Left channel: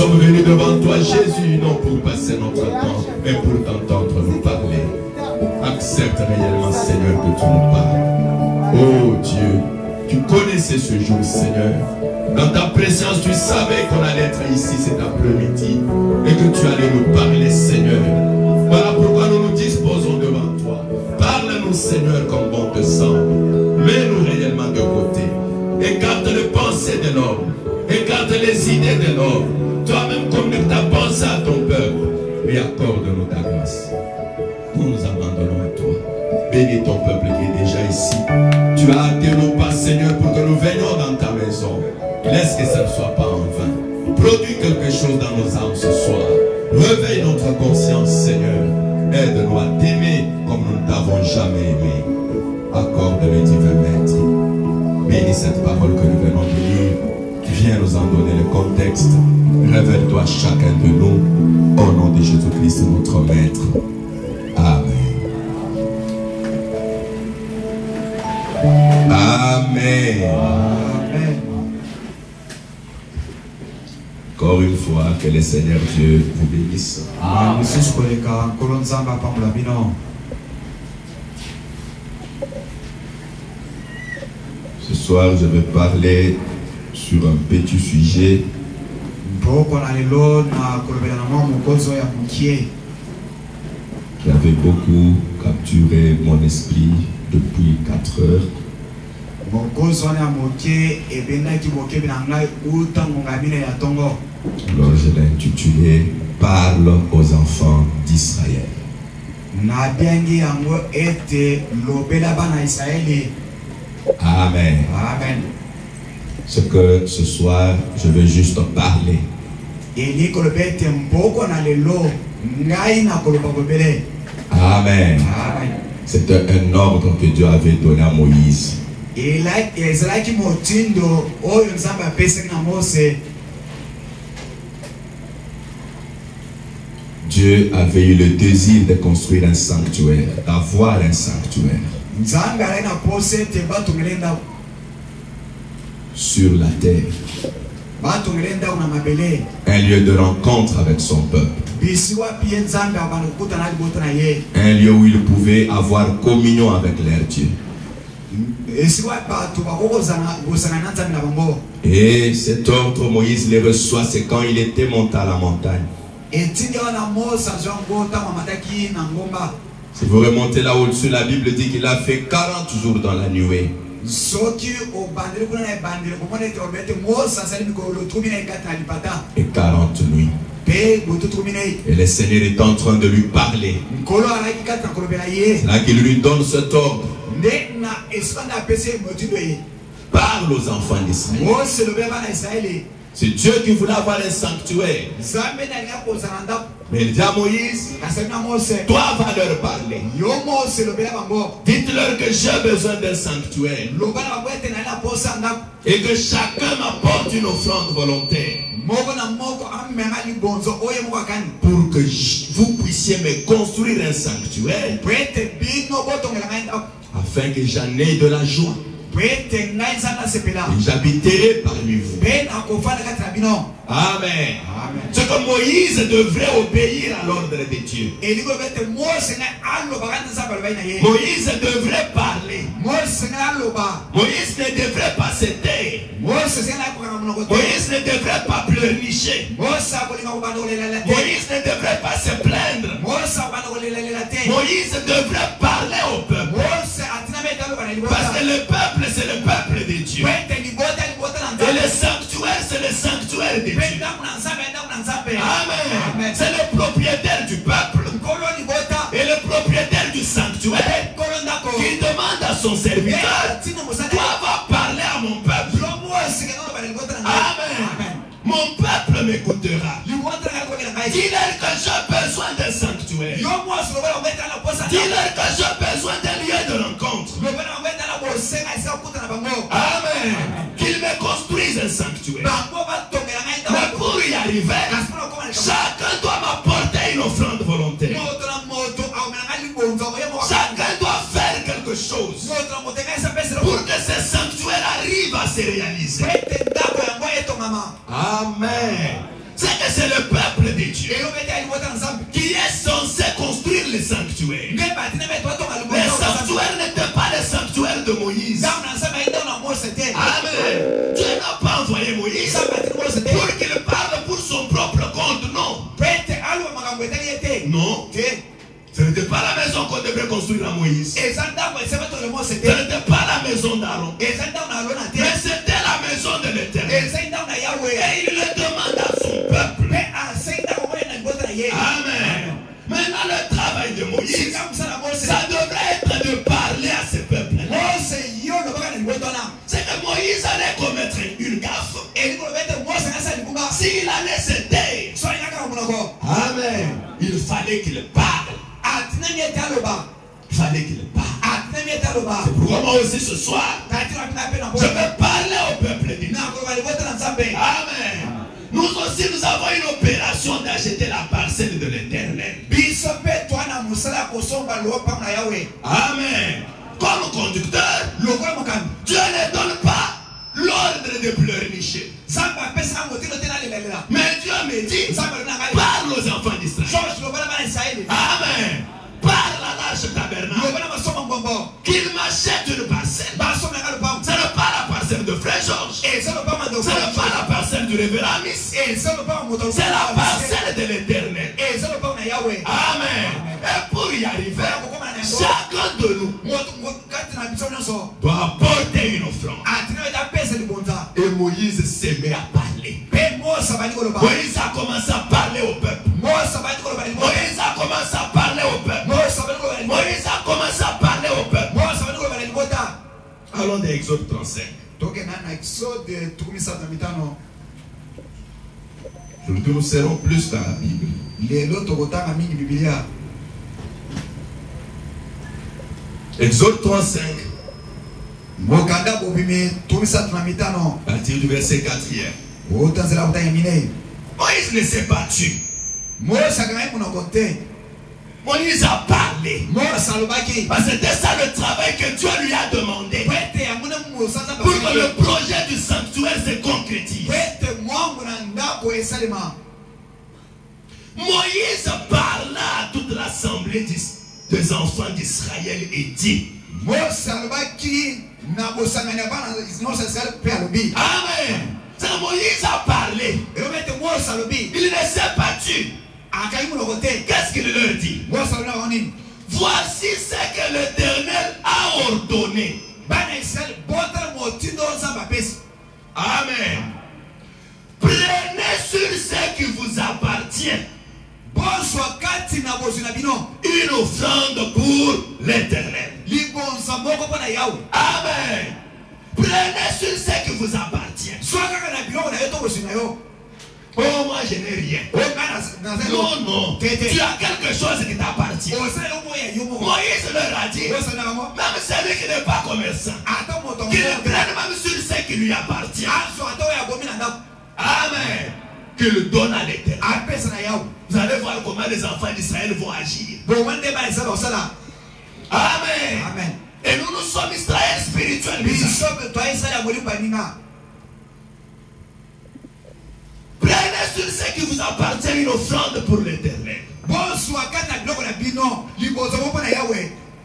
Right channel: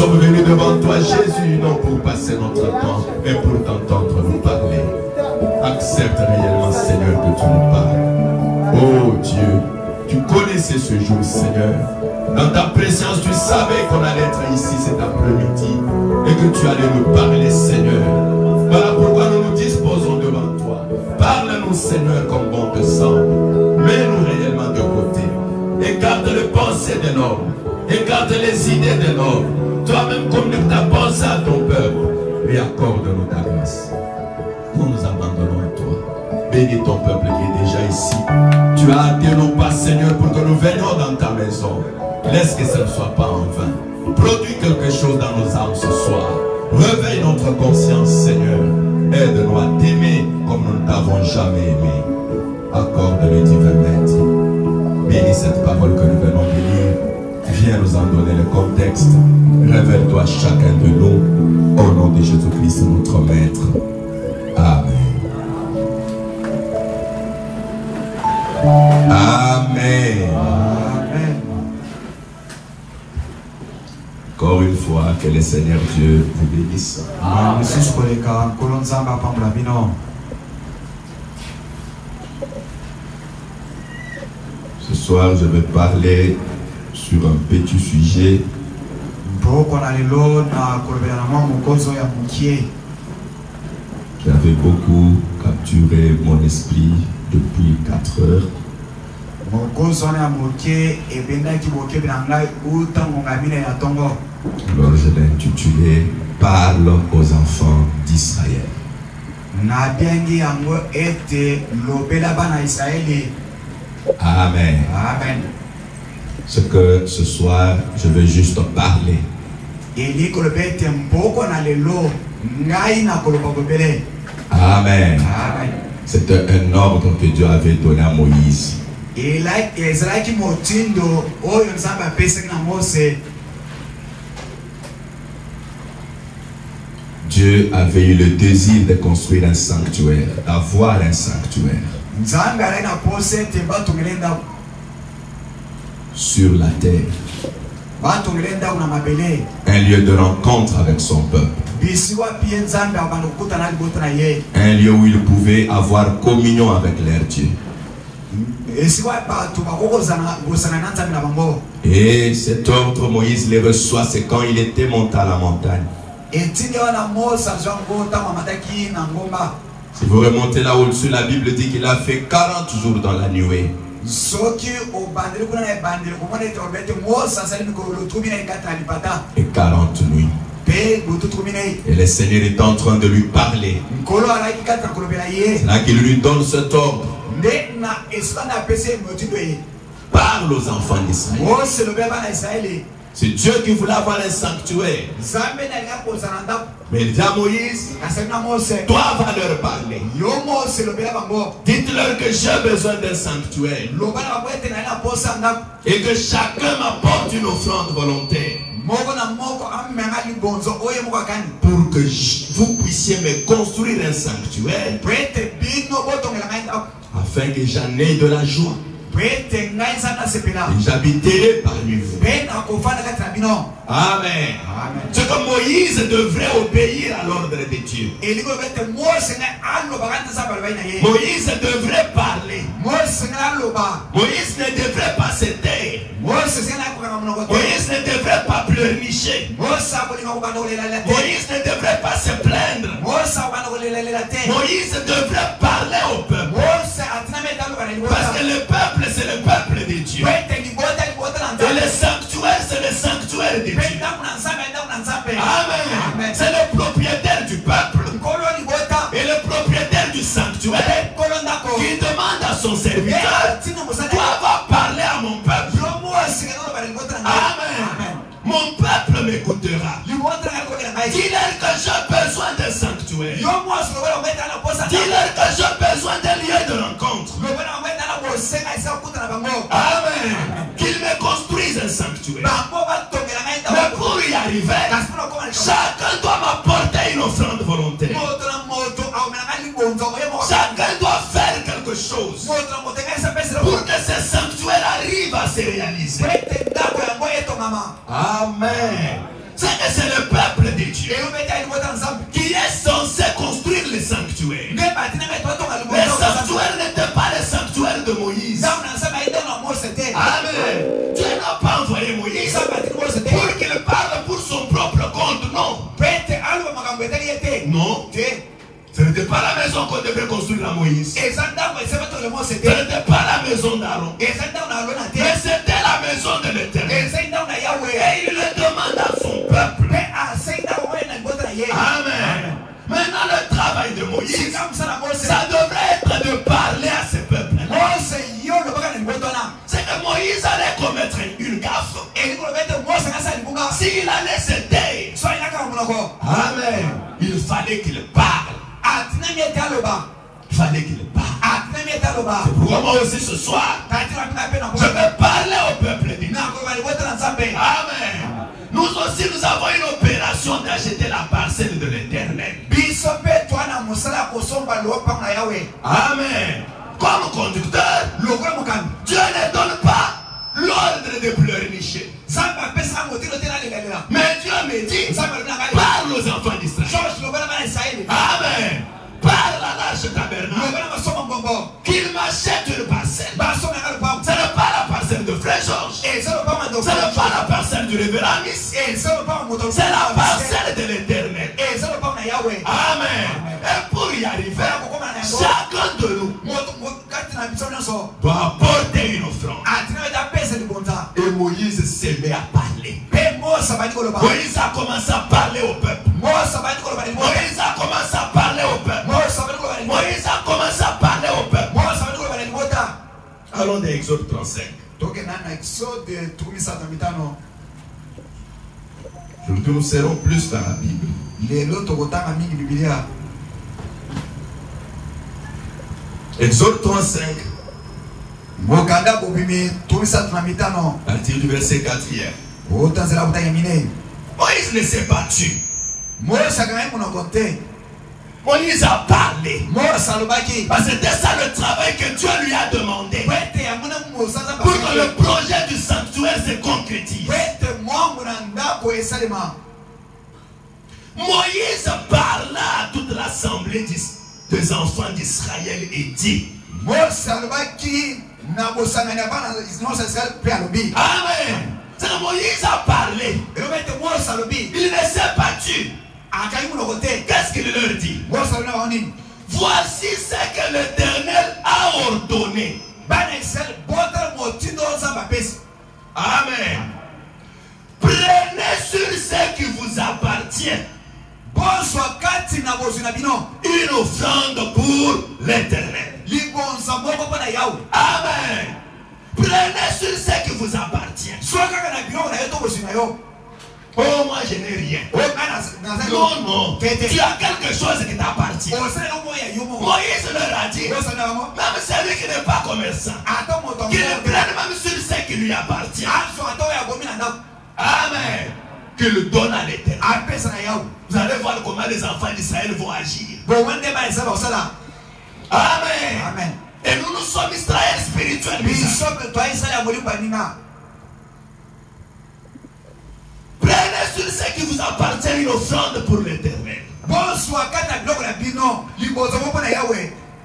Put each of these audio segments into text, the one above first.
sommes venus devant toi, Jésus, non pour passer notre temps, mais pour t'entendre nous parler. Accepte réellement, Seigneur, que tu nous parles. Oh Dieu, tu connaissais ce jour, Seigneur. Dans ta présence, tu savais qu'on allait être ici cet après-midi et que tu allais nous parler, Seigneur. Voilà pourquoi nous nous disposons devant toi. Parle-nous, Seigneur, comme bon te semble. Mets-nous réellement de côté. Écarte les pensées de l'homme. Écarte les idées de l'homme. Toi-même, communique ta pensée à ton peuple. Et accorde-nous ta grâce. Nous nous abandonnons à toi. Bénis ton peuple qui est déjà ici. Tu as hâté nos pas, Seigneur, pour que nous venions dans ta maison. Laisse que ça ne soit pas en vain. Produis quelque chose dans nos âmes ce soir. Réveille notre conscience, Seigneur. Aide-nous à t'aimer comme nous ne t'avons jamais aimé. Accorde le divin maître. Bénis cette parole que nous venons de lire. Viens nous en donner le contexte. Révèle-toi chacun de nous. Au nom de Jésus-Christ, notre Maître. Amen. Amen. Amen. Encore une fois, que le Seigneur Dieu vous bénisse. Amen. Ce soir, je vais parler sur un petit sujet qui avait beaucoup capturé mon esprit depuis 4 heures. Alors je l'ai intitulé « Parle aux enfants d'Israël ». Amen. Amen. Ce que ce soir, je vais juste parler. Amen. C'était un ordre que Dieu avait donné à Moïse. Dieu avait eu le désir de construire un sanctuaire, d'avoir un sanctuaire sur la terre. Un lieu de rencontre avec son peuple. Un lieu où il pouvait avoir communion avec leur Dieu. Et cet ordre, Moïse les reçoit, c'est quand il était monté à la montagne. Si vous remontez là au-dessus, la Bible dit qu'il a fait 40 jours dans la nuée. Et 40 nuits. Et le Seigneur est en train de lui parler. C'est là qu'il lui donne cet ordre. Parle aux enfants d'Israël. C'est Dieu qui voulait avoir un sanctuaire. Mais il dit à Moïse, toi va leur parler. Dites-leur que j'ai besoin d'un sanctuaire. Et que chacun m'apporte une offrande volontaire. Pour que vous puissiez me construire un sanctuaire. Afin que j'en ai de la joie. Et j'habiterai parmi vous. Amen. C'est que Moïse devrait obéir à l'ordre de Dieu. Moïse devrait parler. Moïse ne devrait pas se taire. Moïse ne devrait pas pleurnicher. Moïse ne devrait pas se plaindre. Moïse devrait parler au peuple. Parce que le peuple, c'est le peuple de Dieu. Et le sanctuaire, c'est le sanctuaire de Dieu. Amen. C'est le propriétaire du peuple. Et le propriétaire du sanctuaire qui demande à son serviteur, toi va parler à mon peuple. Amen. Mon peuple m'écoutera. Dis-leur que j'ai besoin d'un sanctuaire. Dis-leur que j'ai besoin d'un lieu de rencontre. Amen. Qu'ils me construisent un sanctuaire. Mais pour y arriver, chacun doit m'apporter une offrande volontaire. Chacun doit faire quelque chose pour que ce sanctuaire arrive à se réaliser. Amen. C'est que Non. Ce n'était pas la maison qu'on devait construire à Moïse. Ce n'était pas la maison d'Aaron. Mais c'était la maison de l'Éternel. Et il le demande à son peuple. Amen. Maintenant le travail de Moïse, ça devrait être de parler à ce peuple. C'est que Moïse allait commettre une gaffe. S'il allait se taire, amen, il fallait qu'il parle. Il fallait qu'il parle. C'est pourquoi moi aussi ce soir, je vais parler au peuple de Dieu. Amen. Nous aussi nous avons une opération d'acheter la parcelle de l'Éternel. Amen. Comme conducteur, Dieu ne donne pas l'ordre de pleurnicher. Mais Dieu me dit, parle aux enfants d'Israël. Amen. Parle à l'Arche tabernacle qu'il m'achète une parcelle. Ce n'est pas la parcelle de Frère Georges. Ce n'est pas la parcelle du révérend Miss. C'est la parcelle de l'Éternel. Amen. Et pour y arriver, chacun de nous doit apporter une offrande. Et Moïse s'est mis à parler. Moïse a commencé à parler au peuple. Moïse a commencé à parler au peuple. Moïse a commencé à parler au peuple. Allons dans Exode 35. Nous serons plus dans la Bible. Exode 35. À partir du verset 4. Moïse ne s'est pas tué. Moïse a parlé. Parce que c'était ça le travail que Dieu lui a demandé. Pour que le projet du sanctuaire se concrétise. Moïse parla à toute l'assemblée des enfants d'Israël et dit. Amen. C'est Moïse a parlé. Il ne s'est pas tué. Qu'est-ce qu'il leur dit? Voici ce que l'Éternel a ordonné. Amen. Prenez sur ce qui vous appartient une offrande pour l'Éternel. Amen. Prenez sur ce qui vous appartient. Oh, moi je n'ai rien. Non, non. Tu as quelque chose qui t'appartient. Moïse leur a dit, même celui qui n'est pas commerçant, qu'il prenne même sur ce qui lui appartient. Amen. Qu'il donne à l'Éternel. Vous allez voir comment les enfants d'Israël vont agir. Amen. Et nous sommes Israël spirituel. Prenez sur ce qui vous appartient une offrande pour l'Éternel.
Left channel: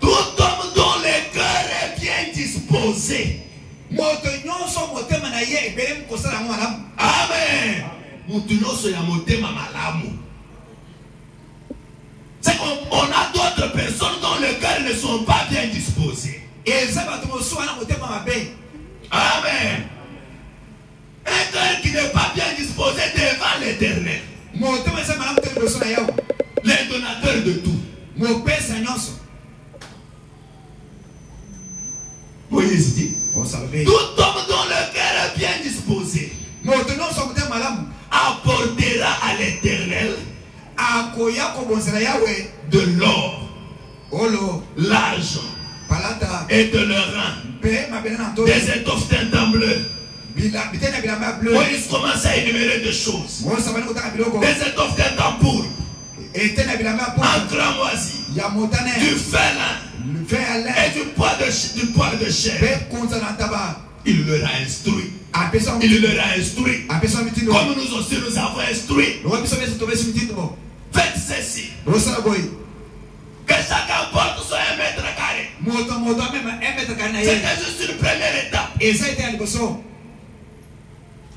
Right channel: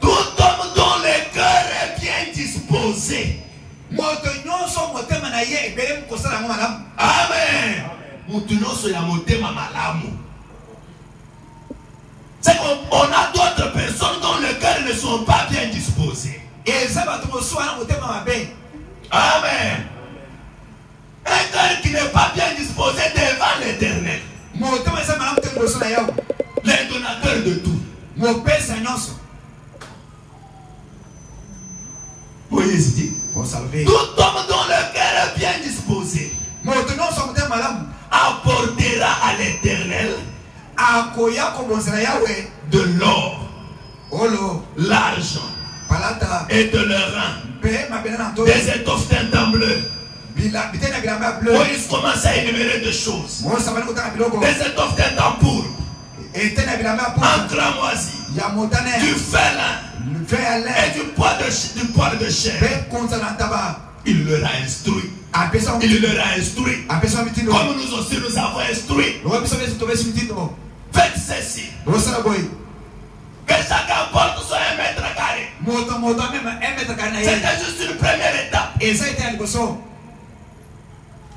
Tout homme dont le cœur est bien disposé. Amen. C'est qu'on a d'autres personnes dont le cœur ne sont pas bien disposés. Amen. Un cœur qui n'est pas bien disposé devant l'Éternel, le donateur de tout. Moïse dit, tout homme dont le cœur est bien disposé apportera à l'Éternel de l'or, l'argent et de l'or, des étoffes d'un bleu. Moïse commence à énumérer des choses. Des étoffes d'un tambour, un cramoisi, du félin et du poil de chair. Il leur a instruit. Il leur a instruit. Comme nous aussi nous avons instruit. Faites ceci. Que chacun porte soit 1 mètre carré. C'était juste une première étape.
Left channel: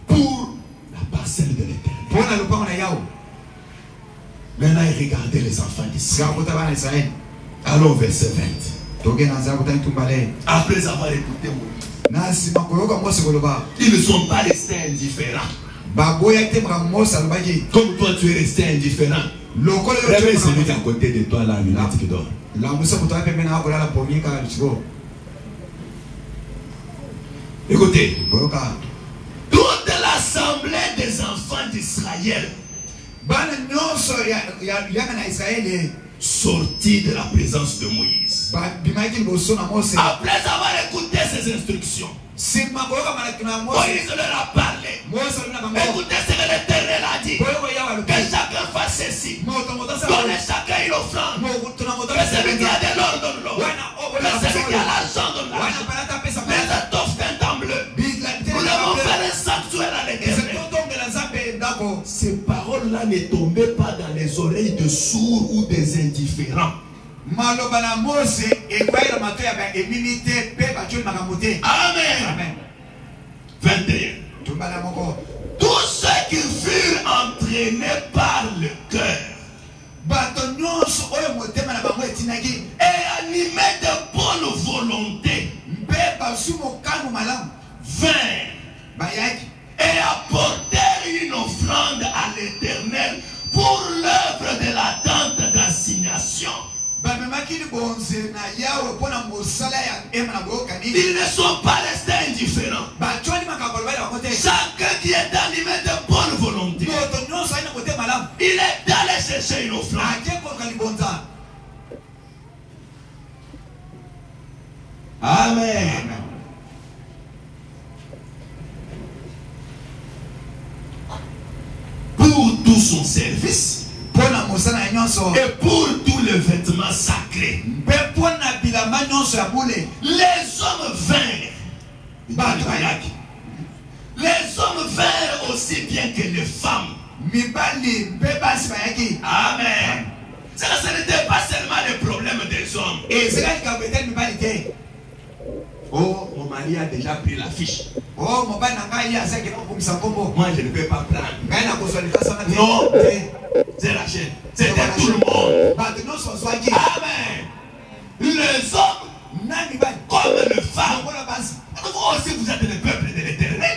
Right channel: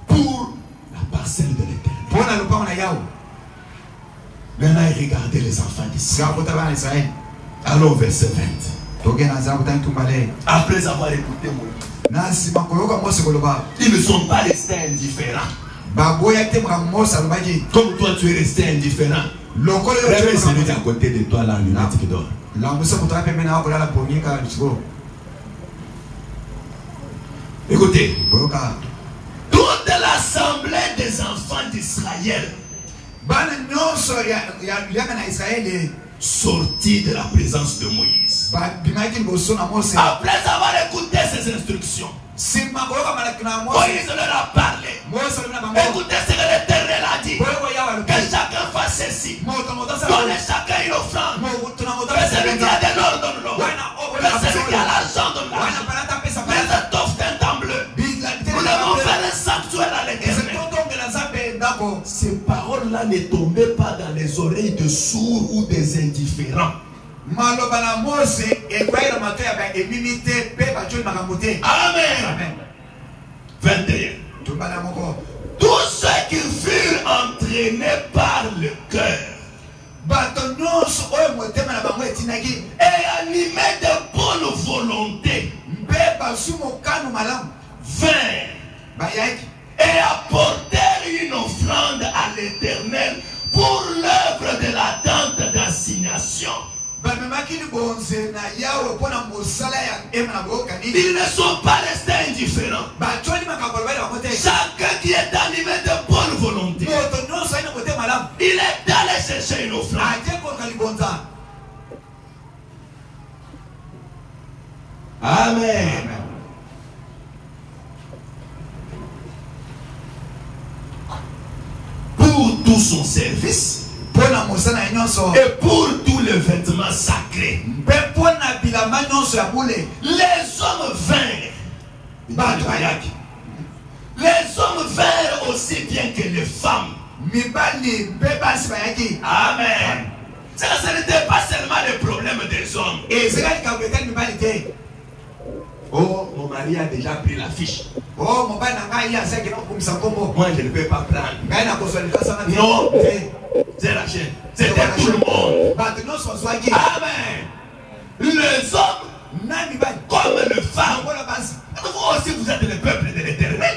Pour la parcelle de l'Éternel. Maintenant, regardez les enfants d'Israël. Allons au verset 20. Après avoir écouté Moïse, ils ne sont pas restés indifférents. Comme toi, tu es resté indifférent. Réveille celui qui est à côté de toi, la lunette qui dort. Écoutez, toute l'assemblée des enfants d'Israël sortis de la présence de Moïse. Après avoir écouté ses instructions, Moïse leur a parlé. Écoutez ce que l'Éternel a dit. Que chacun fasse ceci. Donnez chacun une offrande. Que celui qui a de l'or donne l'or. Que celui qui a l'argent donne l'argent. Mais cette offre d'un temps bleu. Nous devons faire un sanctuaire à l'Éternel. Ces paroles-là ne tombaient pas dans les oreilles de sourds ou des indifférents. Amen. 21. Tous ceux qui furent entraînés par le cœur et animés de bonne volonté vinrent et apportèrent une offrande à l'Éternel pour l'œuvre de la tente d'assignation. Ils ne sont pas restés indifférents. Chacun qui est animé de bonne volonté, il est allé chercher une offrande. Amen. Pour tout son service et pour tous les vêtements sacrés, les hommes vinrent. Les hommes vinrent aussi bien que les femmes. Amen. Ça, ce n'était pas seulement le problème des hommes. Oh, mon mari a déjà pris la fiche. Moi, je ne peux pas prendre. Non, c'est la chaîne. C'était tout le monde. Amen. Les hommes, comme les femmes, vous aussi vous êtes le peuple de l'Éternel.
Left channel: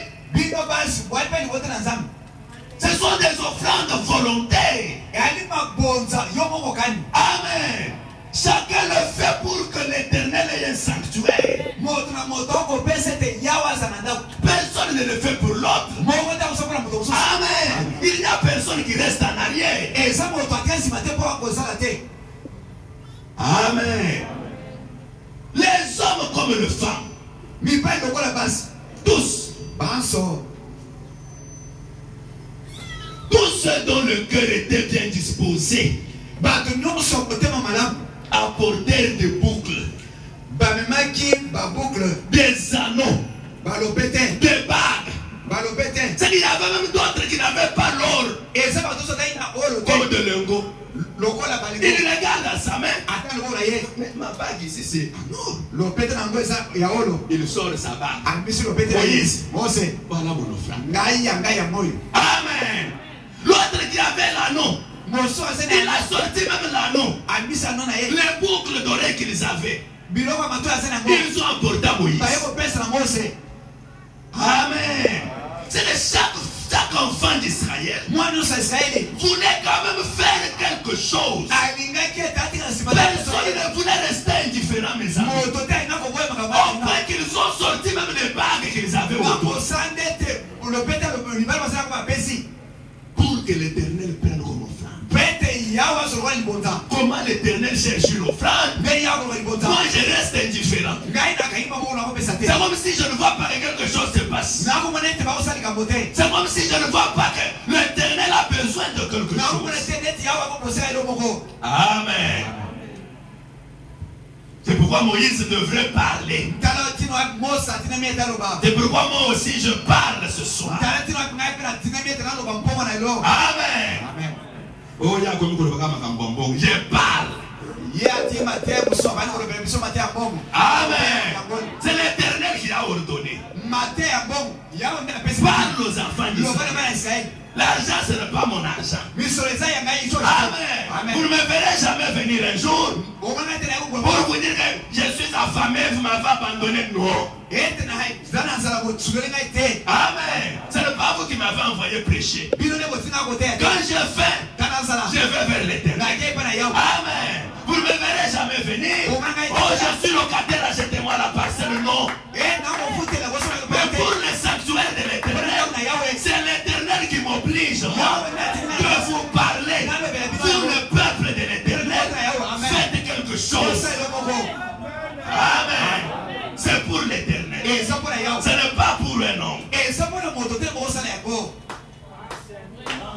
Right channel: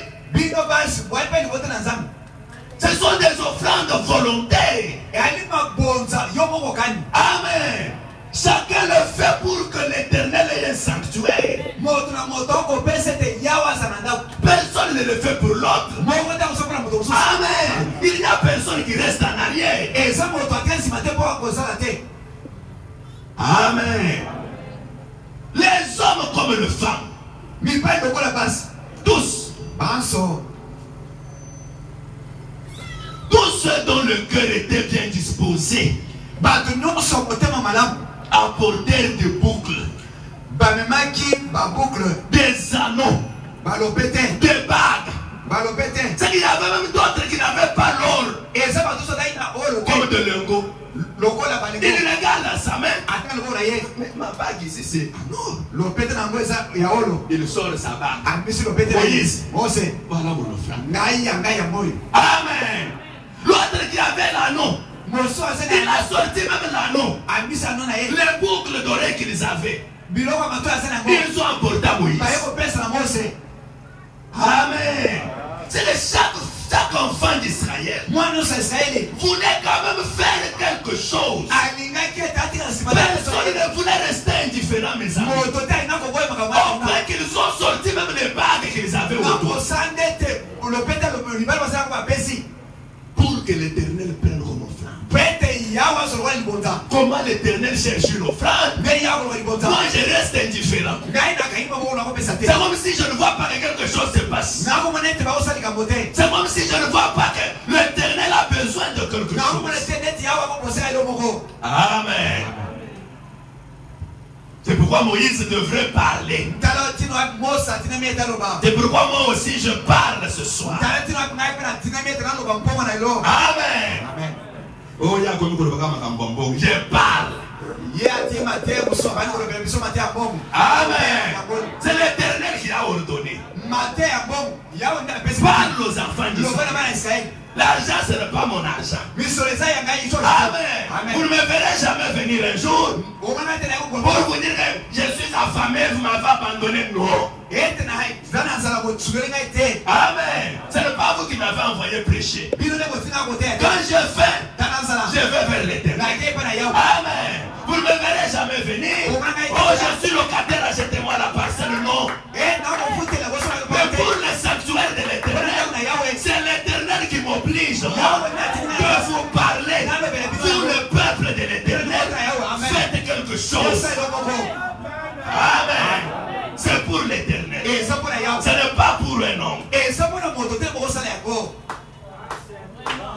Ce sont des offrandes volontaires. Amen. Chacun le fait pour que l'Éternel ait un sanctuaire. Personne ne le fait pour l'autre. Amen. Il n'y a personne qui reste en arrière. Amen. Les hommes comme les femmes, tous ceux dont le cœur était bien disposé apportèrent des boucles, des anneaux, des bagues. C'est qu'il y avait même d'autres qui n'avaient pas l'or, comme de lingots. Il regarde à sa main. Mais ma bague ici c'est l'or. Il sort sa bague. Moïse, voilà mon offrande. Amen. L'autre qui avait l'anneau, il a sorti même l'anneau. Les boucles d'oreilles qu'ils avaient, ils ont apporté à Moïse. Amen. C'est de chaque enfant d'Israël voulait quand même faire quelque chose. Personne ne voulait rester indifférent, mes amis. On voit qu'ils ont sorti même les bagues qu'ils avaient autour. Pour que l'Éternel prenne comme offrande. Comment l'Éternel cherche une offrande? Moi je reste indifférent. C'est comme si je ne vois pas que quelque chose se passe. C'est comme si je ne vois pas que l'Éternel a besoin de quelque chose. Amen. C'est pourquoi Moïse devrait parler. C'est pourquoi moi aussi je parle ce soir. Amen. Oh, il y a comme je parle. Amen. C'est l'Éternel qui a ordonné. Parle aux enfants d'Israël. L'argent, ce n'est pas mon argent. Amen. Vous ne me verrez jamais venir un jour pour vous dire que je suis affamé, vous m'avez abandonné. Non. Amen. Ce n'est pas vous qui m'avez envoyé prêcher. Quand je fais, je vais vers l'Éternel. Amen. Vous ne me verrez jamais venir. Oh, je suis locataire, achetez-moi la parcelle. Non. Mais pour le sanctuaire de l'Éternel, c'est l'Éternel qui m'oblige de vous parler. Pour le peuple de l'Éternel, faites quelque chose. Amen. C'est pour l'Éternel. Ce n'est pas pour un homme.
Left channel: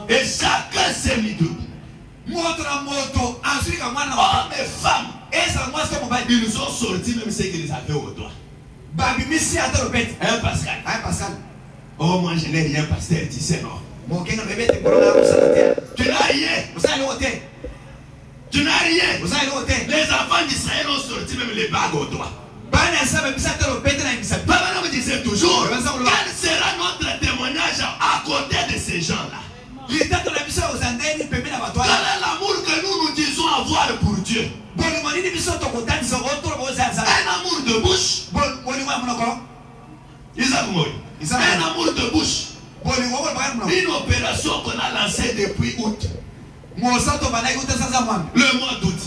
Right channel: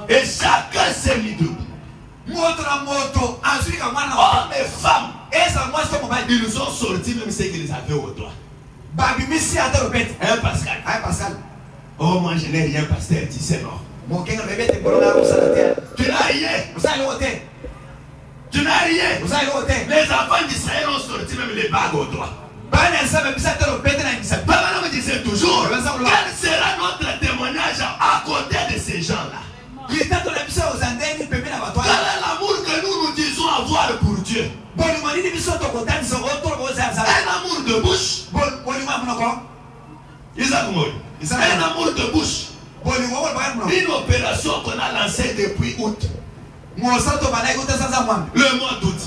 Et chacun s'est mis debout. Hommes et femmes, ils nous ont sorti même ce qu'ils avaient au doigt. Hein, Pascal? Oh, moi je n'ai rien, pasteur, tu sais, non? Tu n'as rien. Tu n'as rien. Les enfants d'Israël ont sorti même les bagues au doigt. Papa me disait toujours, quel sera notre témoignage à côté de ces gens-là? Quel est l'amour que nous disons avoir pour Dieu? Un amour de bouche. Un amour de bouche. Une opération qu'on a lancée depuis août. Le mois d'août.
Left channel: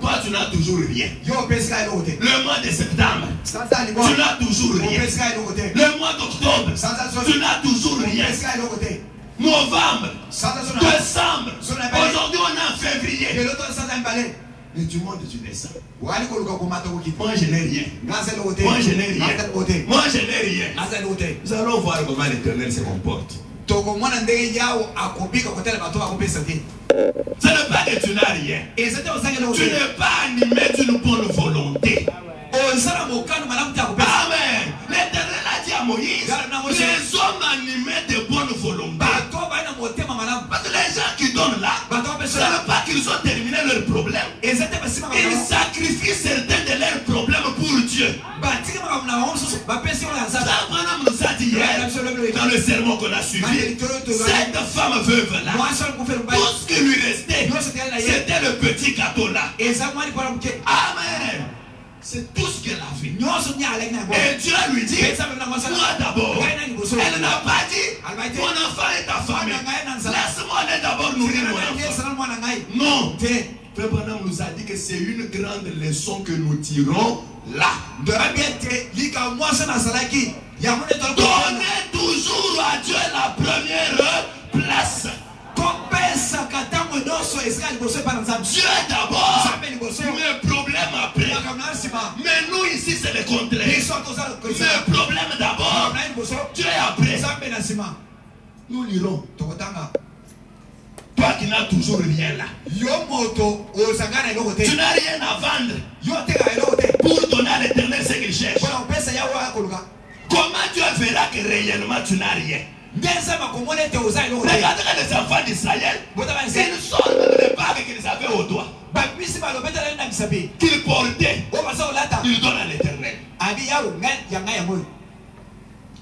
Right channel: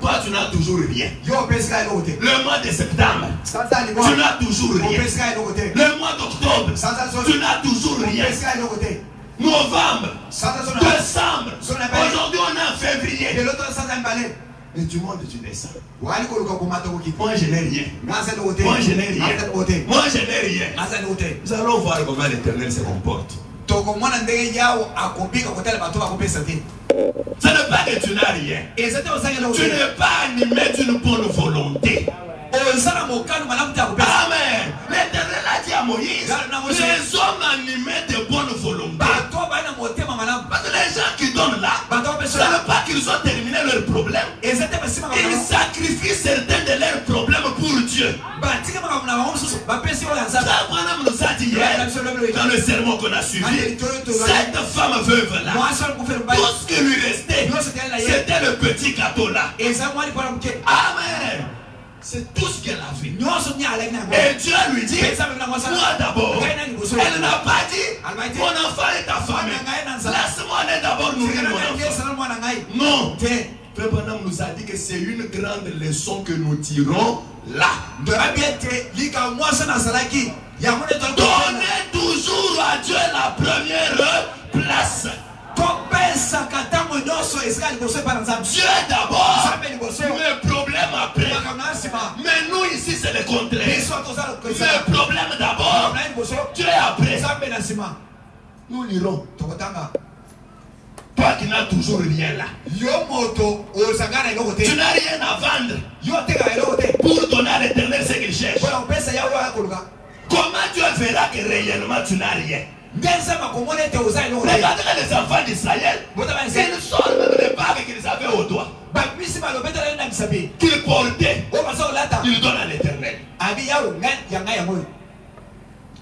Toi, tu n'as toujours rien. Le mois de septembre, tu n'as toujours rien. Le mois d'octobre, tu n'as toujours rien. Novembre, décembre, aujourd'hui on est en février. Mais du monde tu descends. Moi je n'ai rien. Moi je n'ai rien. Moi je n'ai rien. Nous allons voir comment l'Éternel se comporte. Ce n'est pas que tu n'as rien. Tu n'es pas animé d'une bonne volonté. Amen. L'Éternel a dit à Moïse, les hommes animés de bonne volonté. Parce que les gens qui donnent là, ce n'est pas qu'ils ont terminé leurs problèmes. Ils sacrifient certains de leurs problèmes pour Dieu. Ça nous a dit hier, dans le sermon qu'on a suivi, cette femme veuve là, tout ce qui lui restait, c'était le petit gâteau là. Amen. C'est tout ce qu'elle a fait. Et Dieu lui dit, moi d'abord. Elle n'a pas dit, mon enfant est affamé. Laisse-moi aller d'abord nourrir mon enfant. Non. Frère Branham nous a dit que c'est une grande leçon que nous tirons là. Donnez toujours à Dieu la première place. Dieu d'abord, le problème après. Mais nous ici c'est le contraire. Le problème d'abord, Dieu après. Nous lirons. Toi qui n'as toujours rien là. Tu n'as rien à vendre pour donner à l'Éternel ce qu'il cherche. Comment Dieu verra que réellement tu n'as rien? Regardez les enfants d'Israël, ils sortent même les bagues qu'ils avaient au doigt, qu'ils portaient, ils donnent à l'Éternel.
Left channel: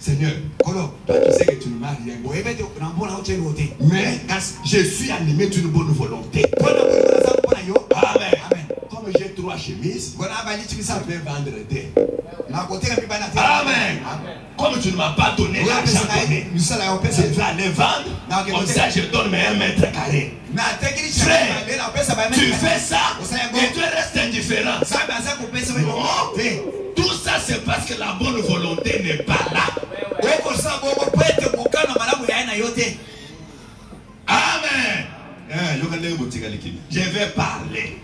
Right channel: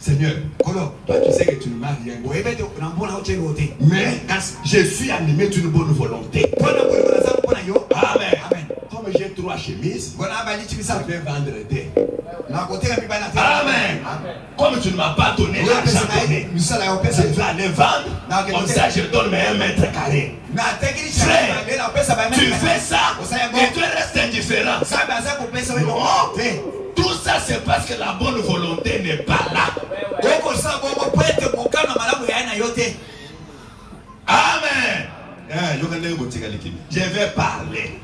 Seigneur, toi tu sais que tu ne m'as rien. Mais je suis animé d'une bonne volonté. Amen. Comme j'ai 3 chemises, je vais vendre des. Amen. Comme tu ne m'as pas donné l'argent, je vais aller vendre. Comme ça, je donne mes 1 mètre carré. Frère, tu fais ça et tu restes indifférent. Non. Tout ça, c'est parce que la bonne volonté n'est pas là. Amen. Je vais parler.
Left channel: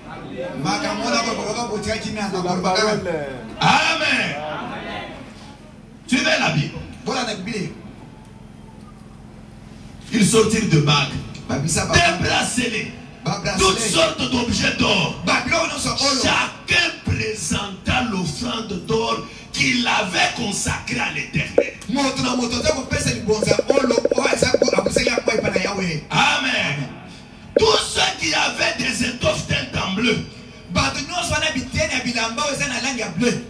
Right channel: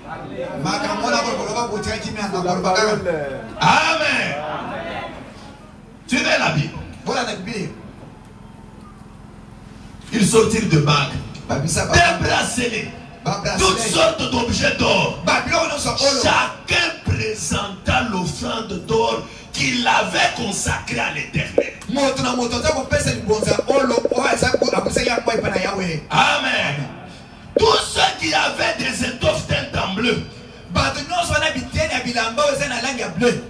Amen. Tu veux la Bible? Ils sortirent de bagues, des bracelets, toutes sortes d'objets d'or. Chacun présentant l'offrande d'or qu'il avait consacrée à l'Éternel. Amen. Tous ceux qui avaient des étoffes teintes en bleu,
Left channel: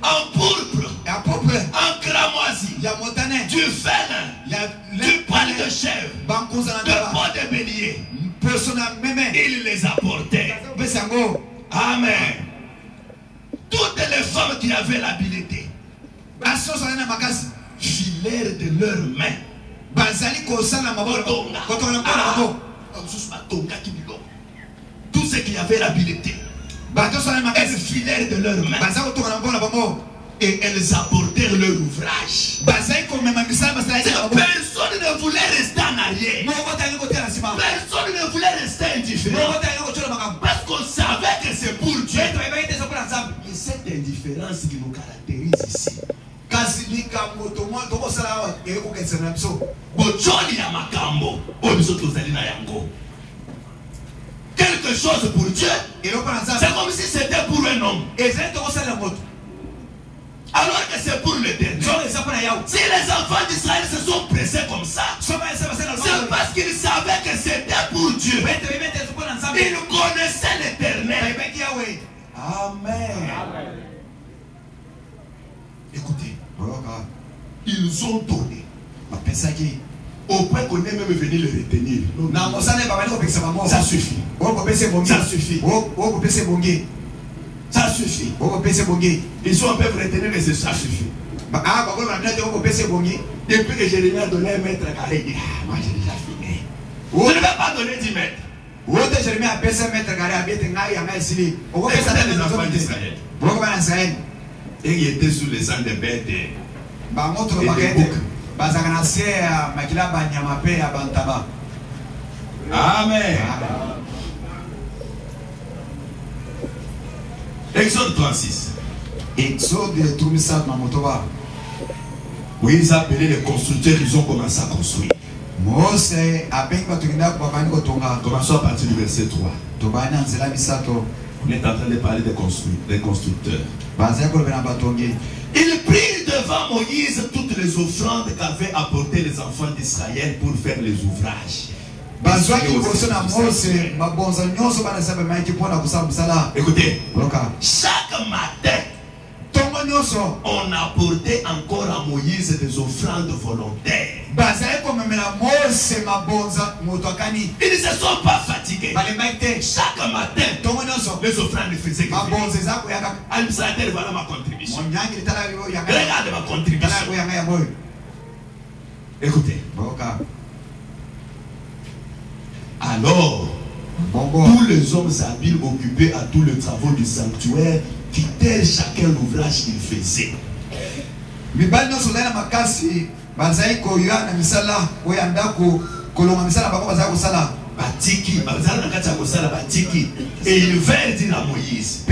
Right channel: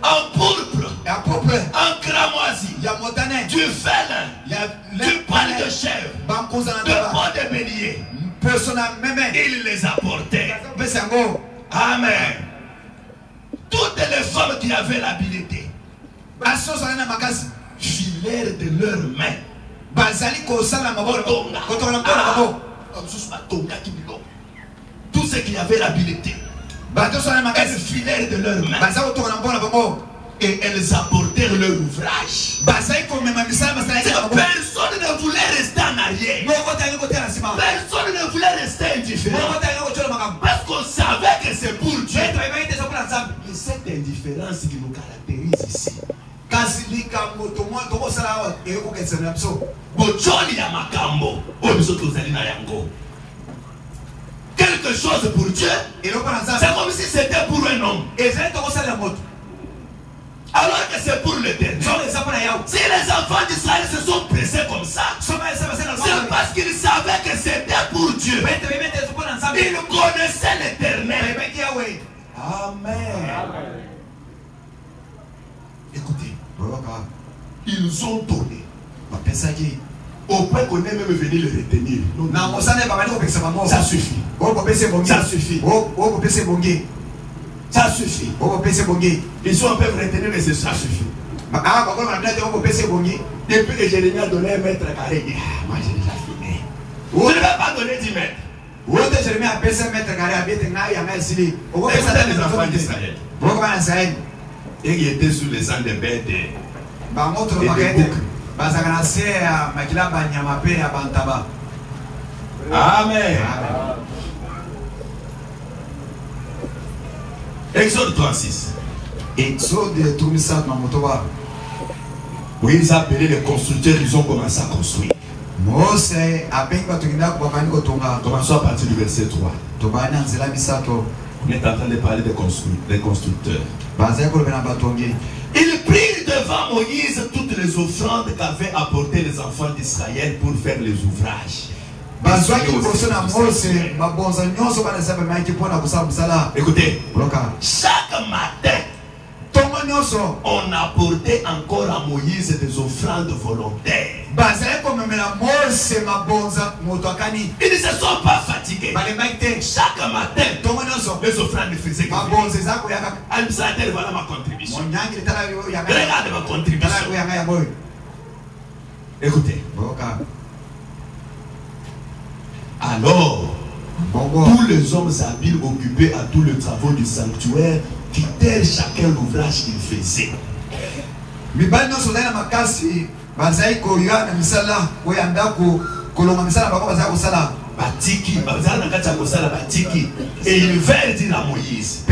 en pourpre, un cramoisi, du félin, du poil de chèvre, de peau de bélier. Il les a portés. Amen. Toutes les femmes qui avaient l'habilité filèrent de leurs mains. Tous ceux qui avaient l'habilité, elles filèrent de leurs mains et elles apportèrent leur ouvrage. Personne ne voulait rester en arrière. Personne ne voulait rester indifférent. Parce qu'on savait que c'est pour Dieu. Et cette indifférence qui nous caractérise ici. Quelque chose pour Dieu, c'est comme si c'était pour un homme. Alors que c'est pour l'éternel. Si les enfants d'Israël se sont pressés comme ça, c'est parce qu'ils savaient que c'était pour Dieu. Ils connaissaient l'éternel. Amen. Écoutez, ils ont donné. Au point qu'on est même venu le retenir. Ça suffit. Ça suffit. Ça suffit. Ils ont peuvent retenir que ça suffit. Depuis que Jérémie a donné 1 mètre carré, il dit, moi j'ai déjà fini. Je ne vais pas donner 10 mètres. Écoutez les enfants d'Israël. Et ils étaient sous les sangs des bêtes et des boucs. Amen. Exode 36. Exode 36. Oui, ils appelaient les constructeurs, ils ont commencé à construire. Commençons à partir du verset 3. On est en train de parler des constructeurs. Il prit devant Moïse toutes les offrandes qu'avaient apportées les enfants d'Israël pour faire les ouvrages. Écoutez, chaque matin, on apportait encore à Moïse des offrandes volontaires. Ils ne se sont pas fatigués. Chaque matin, les offrandes faisaient. Administrateur, voilà ma contribution. Regarde ma contribution. Écoutez. Alors, tous les hommes habiles occupés à tous les travaux du sanctuaire quittèrent chacun l'ouvrage qu'il faisait. Et il vint dire à Moïse,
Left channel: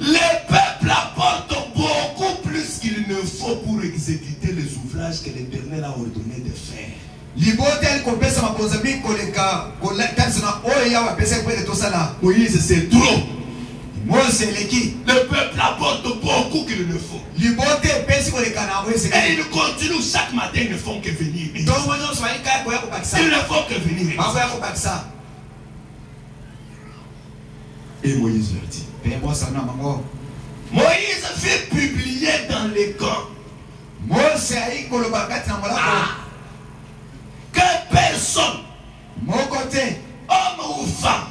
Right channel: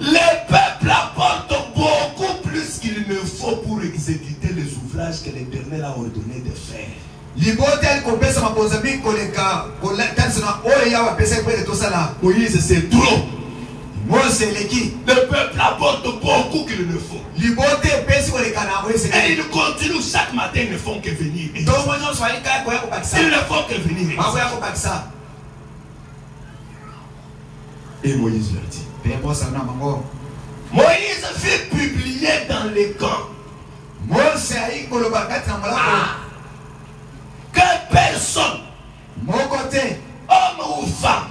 les peuples apportent beaucoup plus qu'il ne faut pour exécuter les ouvrages que l'Éternel a ordonné de faire. Moïse, c'est trop. Le peuple apporte beaucoup qu'il ne faut. Et ils continuent chaque matin, ils ne font que venir. Ils ne font que venir. Et Moïse leur dit, Moïse fait publier dans les camps que personne, homme ou femme,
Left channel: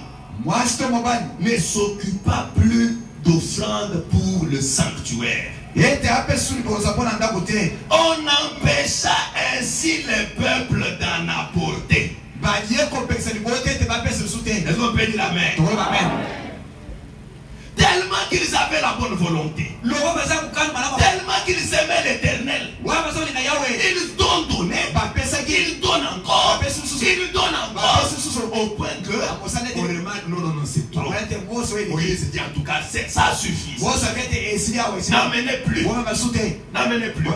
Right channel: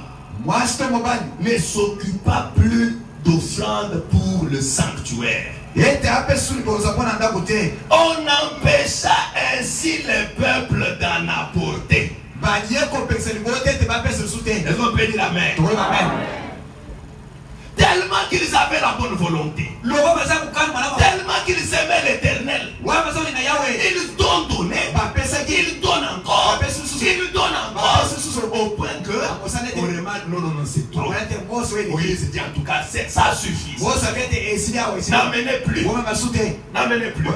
ne s'occupa plus d'offrandes pour le sanctuaire. On empêcha ainsi les peuples d'en apporter. Est-ce qu'on peut dire amen? Tellement qu'ils avaient la bonne volonté, tellement qu'ils aimaient l'Éternel, ils ont donné, ils donnent encore, ils donnent encore, au point que on remarque, non, c'est trop. Moïse dit en tout cas, ça suffit. N'amenez plus. N'amenez plus.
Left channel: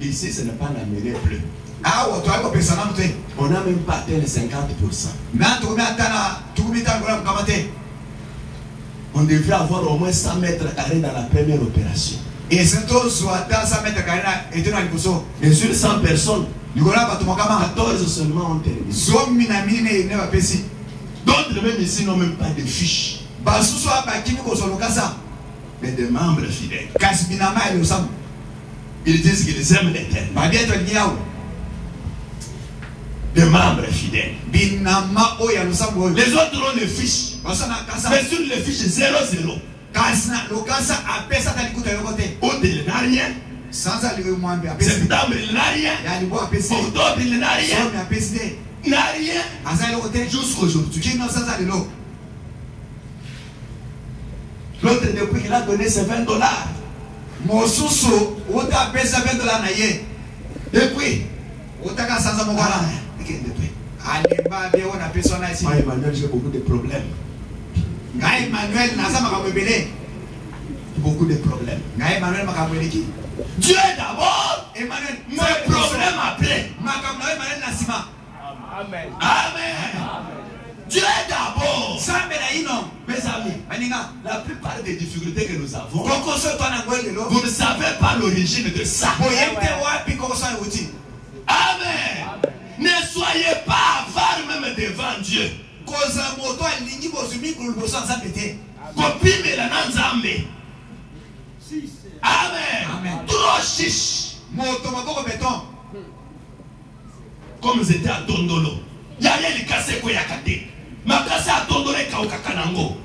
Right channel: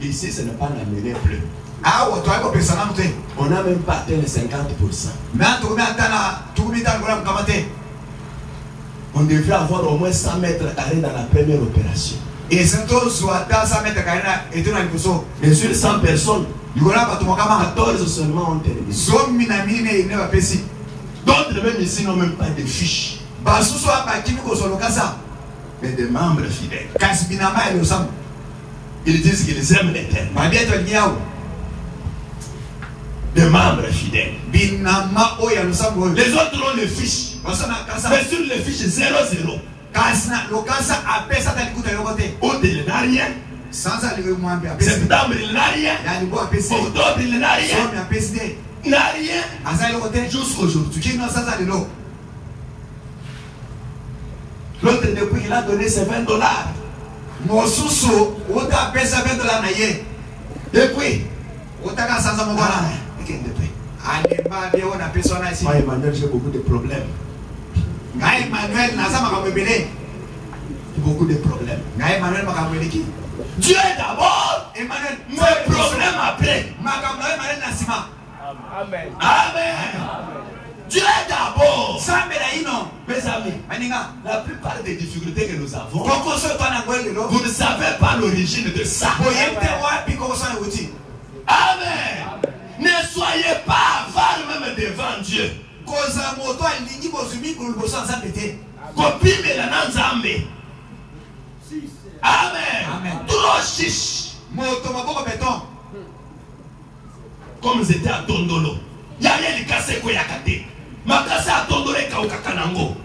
Ici, ce n'est pas n'amener plus. On n'a même pas atteint les 50%. On devrait avoir au moins 100 mètres carrés dans la première opération. Et sur 100 personnes, 14 seulement ont terminé. D'autres même ici n'ont même pas de fiches. mais des membres fidèles. Ils disent qu'ils aiment l'Éternel. Des membres fidèles. Les autres ont les fiches. Mais sur les fiches 0-0. Autre, il n'a rien. Septembre, il n'a rien. Octobre, il n'a rien. Il n'a rien. Jusqu'aujourd'hui. L'autre, depuis qu'il a donné ses $20. Depuis. Emmanuel, j'ai beaucoup de problèmes. Beaucoup de problèmes. Dieu d'abord, mais problème après. Amen. Amen. Dieu d'abord. Mes amis, la plupart des difficultés que nous avons, vous ne savez pas l'origine de ça. Amen. Ne soyez pas avares même devant Dieu. Amen. Trop chiche. Comme c'était à Tondolo. Yale likase ko yakate. Makase à Tondolo kaukakanango.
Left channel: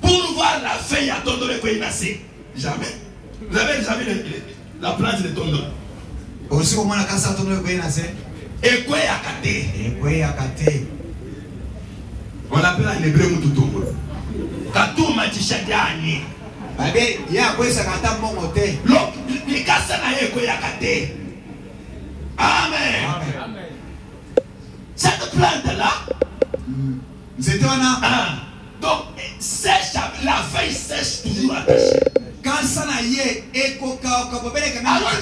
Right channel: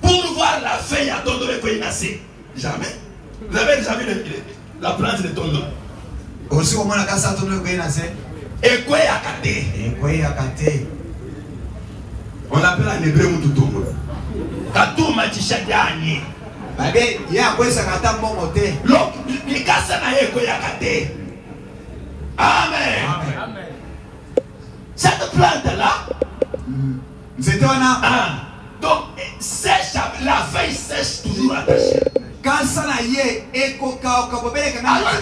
Pour voir la feuille à Tondolo ko inase. Jamais. Vous avez jamais la plante de Tondolo. Aussi comment la kasa Tondolo ko inase. Et quoi yakate. On l'appelle en hébreu Mututongo. Katuma tishadiani. Babe, ya kwesa kata mbongo te. Look, likasa na ye ko yakate. Amen. Cette plante-là, c'était donc sèche, la feuille sèche toujours attachée. Quand ça n'a y est, alors que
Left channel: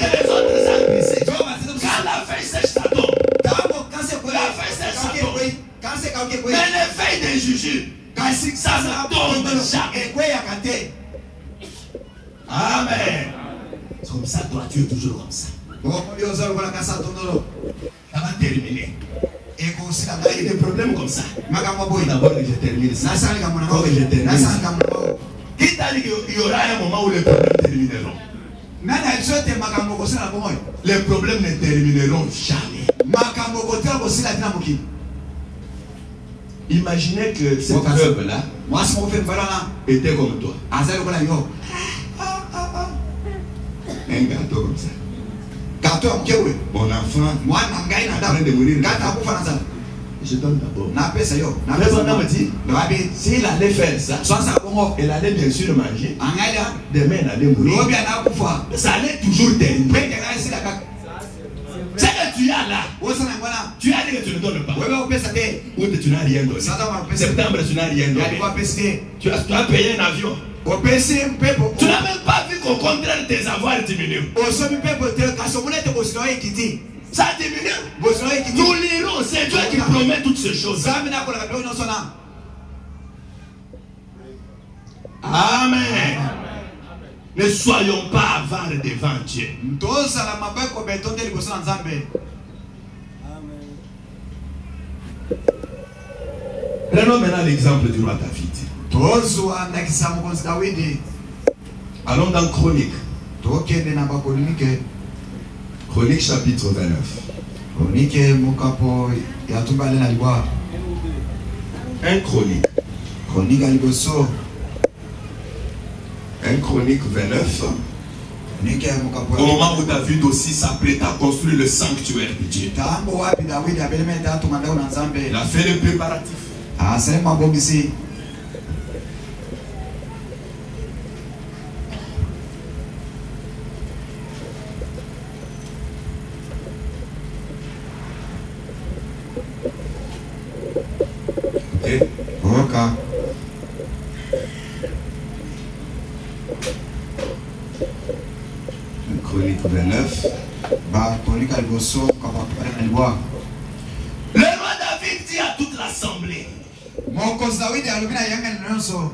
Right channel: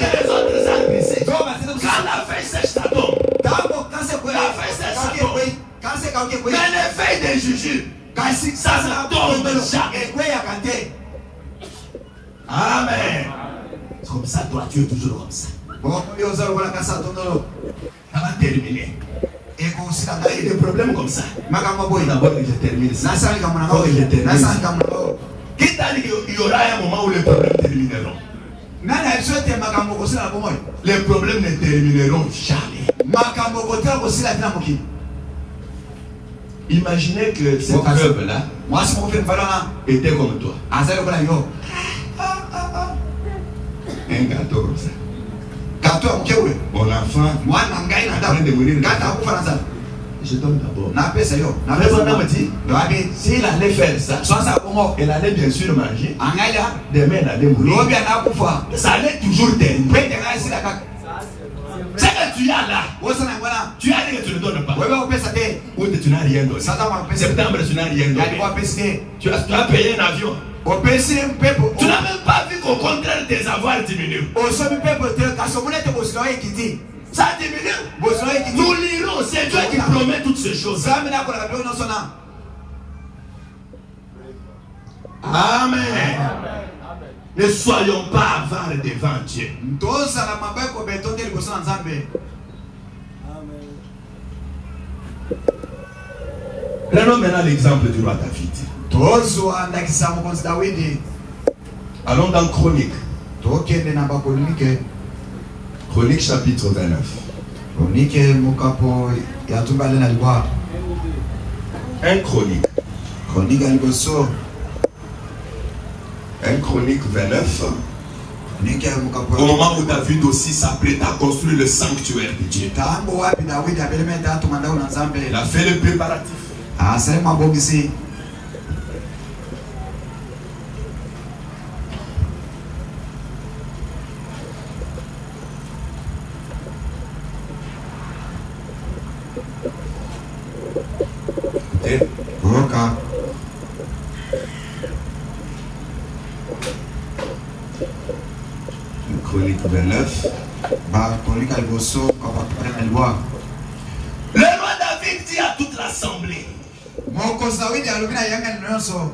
les autres arbres, quand la feuille sèche, ça tombe. La feuille sèche, ça tombe. Mais les feuilles de jujube, ça tombe déjà. Amen. C'est comme ça, toi, tu es toujours comme ça. Ça va terminer. Et il y a des problèmes comme ça. D'abord, je termine ça. Qui t'a dit qu'il y aura un moment où les problèmes termineront? Les problèmes ne termineront jamais. Imaginez que cette veuve-là était comme toi. Un gâteau comme ça. Mon enfant est en train de mourir. Je donne d'abord. S'il allait faire ça, il allait bien sûr manger. Demain, il allait mourir. Ça allait toujours terminer. Ce que tu as là, tu as dit que tu ne donnes pas. Ou tu n'as rien donné. Septembre, tu n'as rien donné. Tu as payé un avion. Tu n'as même pas vu qu'au contraire tes avoirs diminuent. Ça diminue. Nous lirons, c'est Dieu qui promet toutes ces choses. Amen. Ne soyons pas avares devant Dieu. Prenons maintenant l'exemple du roi David. Allons dans Chronique. Chronique chapitre 29. Un Chronique. Un Chronique 29. Au moment où David aussi s'apprête à construire le sanctuaire de Dieu. Il a fait le préparatif. Chronique 29. Le roi David dit à toute l'assemblée:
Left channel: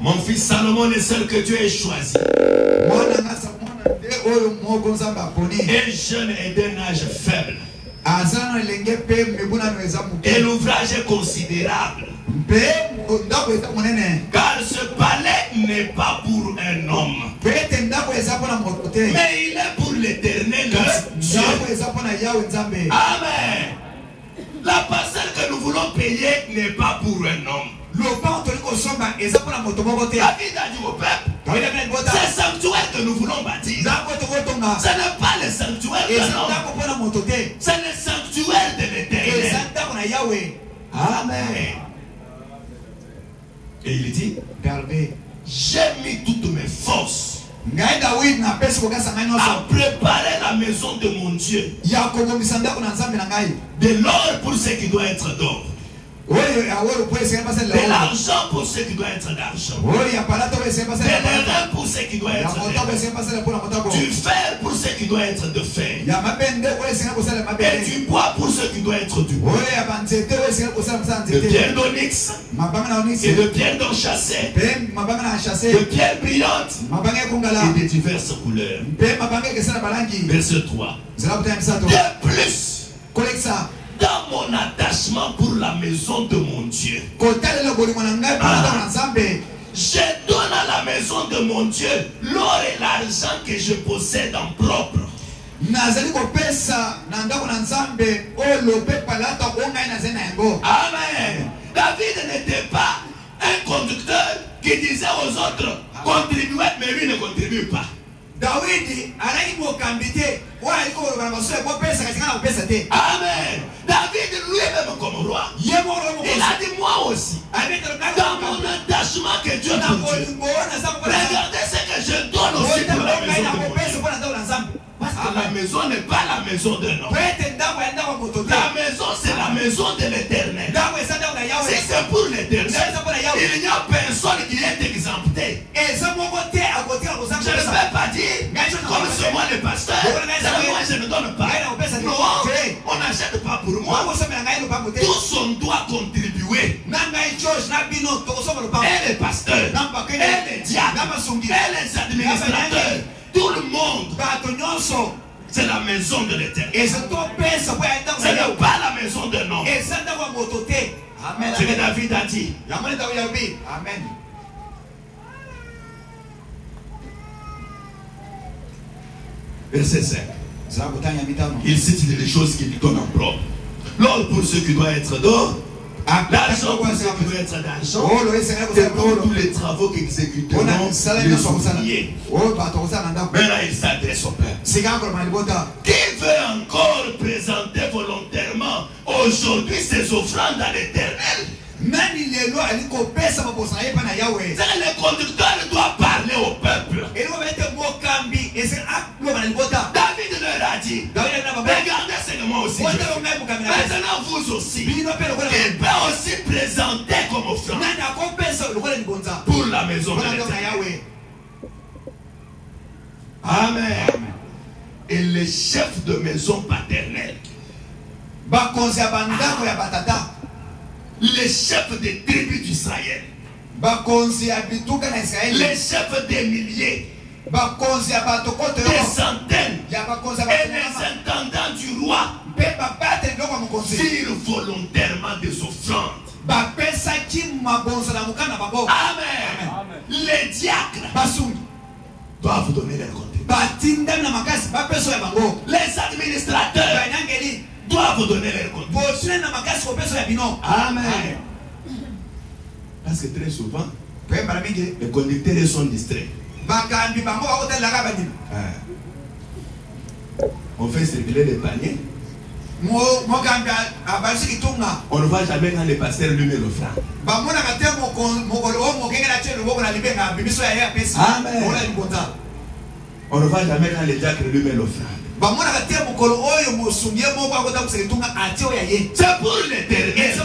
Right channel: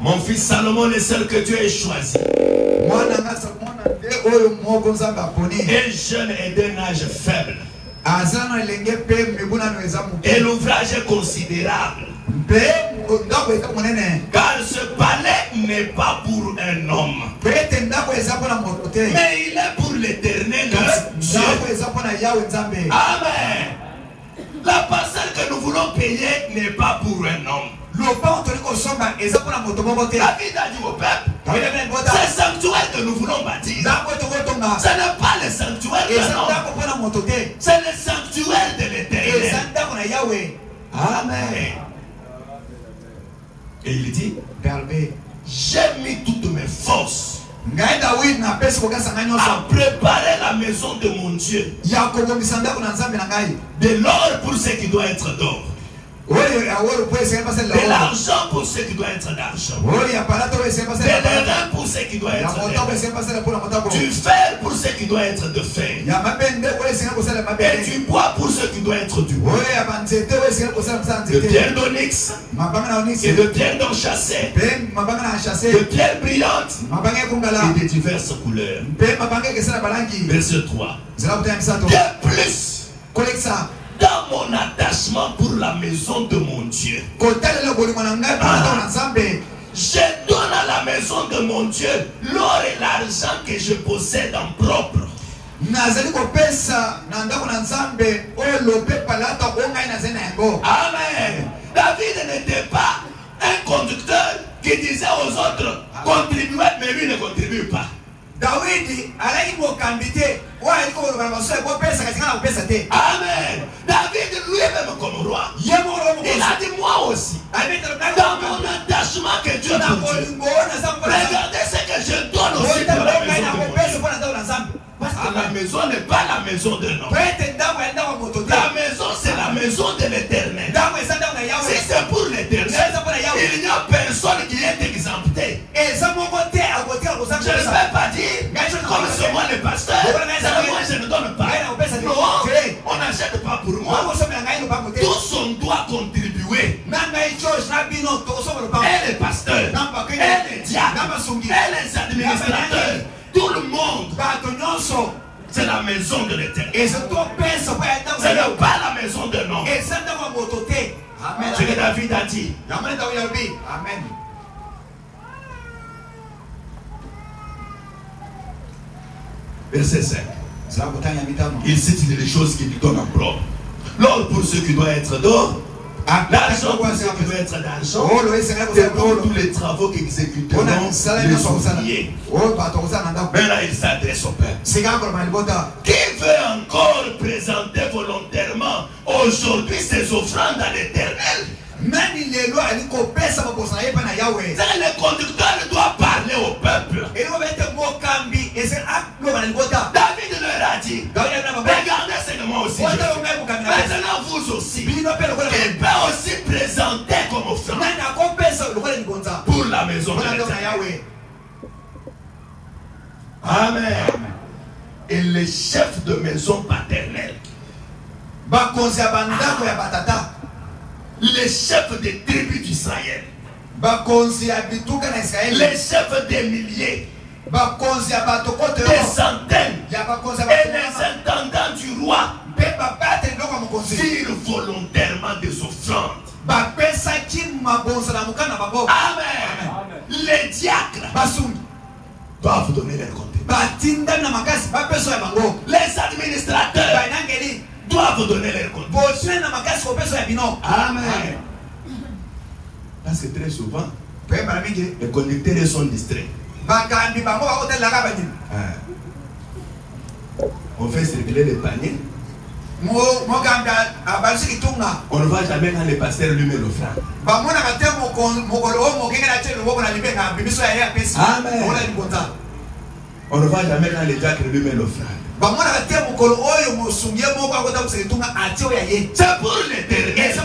mon fils Salomon est celle que Dieu ait choisi. Et jeune et d'un âge faible. Et l'ouvrage est considérable. Car ce palais n'est pas pour un homme, mais il est pour l'Éternel Dieu. Amen. La parcelle que nous voulons payer n'est pas pour un homme. David a dit au peuple, c'est le sanctuaire que nous voulons bâtir. Ce n'est pas le sanctuaire de l'homme, c'est le sanctuaire de l'Éternel. Amen. Et il dit, j'ai mis toutes mes forces à préparer la maison de mon Dieu, de l'or pour ce qui doit être d'or, de l'argent pour ce qui doit être d'argent, de l'airain pour ce qui doit être d'airain, du fer pour ce qui doit être de fer, et du bois pour ce qui doit être du bois, de pierre d'onyx et de pierre d'enchâssé, de pierre brillante et de diverses couleurs. Verset 3. De plus, dans mon attachement pour la maison de mon Dieu, je donne à la maison de mon Dieu l'or et l'argent que je possède en propre. Amen. David n'était pas un conducteur qui disait aux autres contribuez, mais lui ne contribue pas. Amen. David lui-même comme roi, il a dit moi aussi, dans mon attachement que Dieu m'a donné, regardez ce que je donne aussi pour la maison de Dieu. Parce que la maison n'est pas la maison de l'homme. La maison c'est la maison de l'Éternel. Si c'est pour l'Éternel, il n'y a personne qui est exempté. Je ne vais pas dire comme c'est moi le pasteur, moi je ne donne pas. Non, on n'achète pas pour moi. Tous on doit contribuer. Et les pasteurs, et les diacres, et les administrateurs, tout le monde. C'est la maison de l'Éternel. Ce n'est pas la maison de l'homme. Ce que David a dit. Amen. Verset 5. Il cite les choses qui lui donnent en propre. L'or pour ceux qui doivent être d'or, l'argent pour ceux qui doivent être d'argent, c'est pour tous les travaux qu'exécuteront les ouvriers. Mais là, il s'adresse au peuple. Qui veut encore présenter volontairement aujourd'hui ses offrandes à l'Éternel? Le conducteur doit parler au peuple. David leur a dit, regardez ce que moi aussi. Maintenant vous aussi. Il peut aussi présenter comme offrande pour la maison de l'Éternel. Amen. Et les chefs de maison paternelle, les chefs des tribus d'Israël, les chefs des milliers, des centaines, et les intendants du roi firent volontairement des offrandes. Amen. Les diacres doivent donner leur compte. Les administrateurs doivent donner leur compte. Amen. Parce que très souvent, les conducteurs sont distraits. On fait circuler les paniers. On ne va jamais quand les pasteurs lui met l'offrande. Amen. On ne va jamais quand les diacres lui met l'offrande. C'est pour l'Éternel.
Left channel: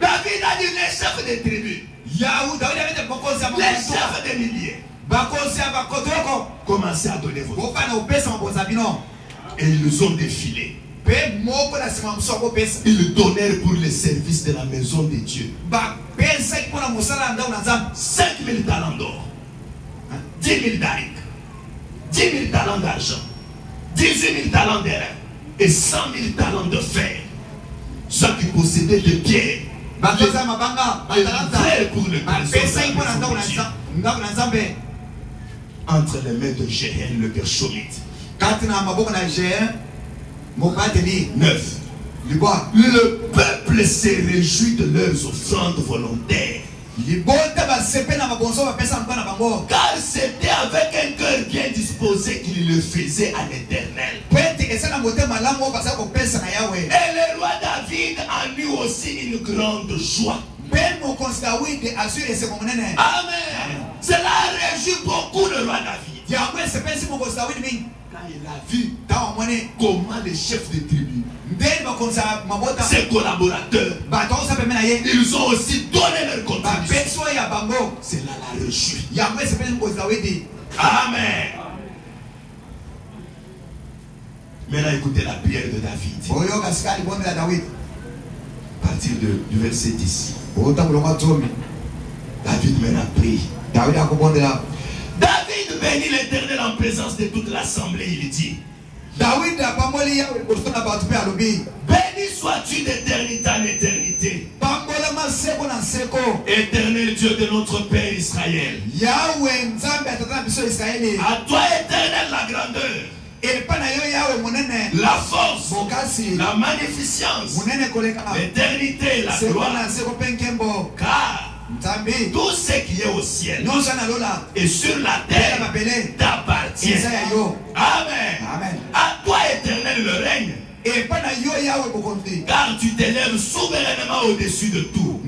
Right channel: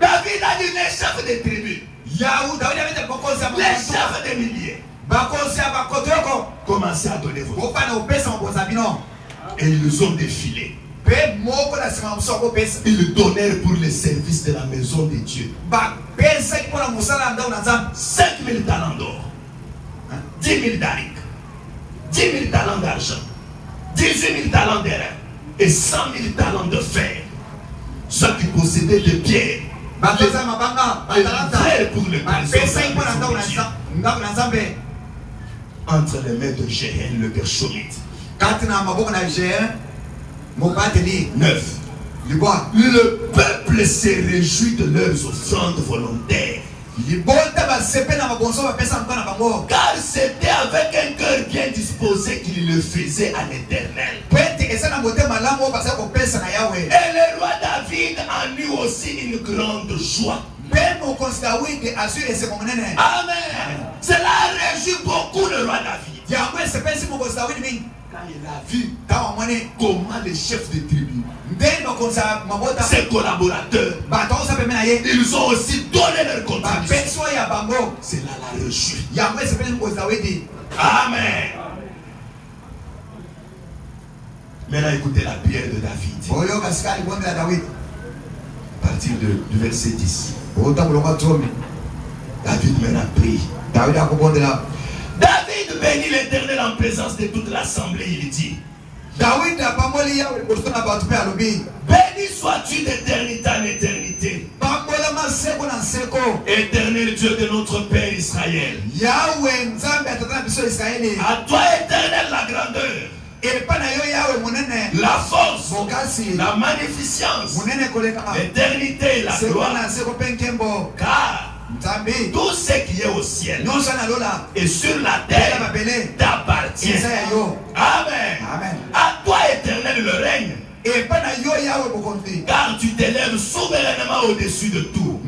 David a dit les chefs des tribus, les chefs des milliers, commencez à donner vos offrandes. Et ils ont défilé. Ils donnèrent pour le service de la maison de Dieu 5000 talents d'or, 10 000 darics, 10 000 talents d'argent, 18 000 talents d'airain et 100 000 talents de fer. Ceux qui possédaient des pierres frère pour le trésor entre les mains de Jéhéel le Gershonite. 9. Le peuple s'est réjoui de leurs offrandes volontaires. Car c'était avec un cœur bien disposé qu'il le faisait à l'Éternel. Et le roi David en eut aussi une grande joie. Amen. Cela réjouit beaucoup le roi David. Quand il a vu comment les chefs de tribu, ses collaborateurs, ils ont aussi donné leur contribution. Cela l'a réjoui. Amen. Maintenant écoutez la prière de David. À partir du verset 10. David maintenant prie. David bénit l'Éternel en présence de toute l'assemblée. Il dit: béni sois-tu d'éternité en éternité, Éternel Dieu de notre Père Israël. À toi, Éternel, la grandeur, la force, la magnificence, l'éternité, la gloire. Car tout ce qui est au ciel et sur la terre t'appartient. Amen. À toi, Éternel, le règne. Car tu t'élèves souverainement au-dessus de tout.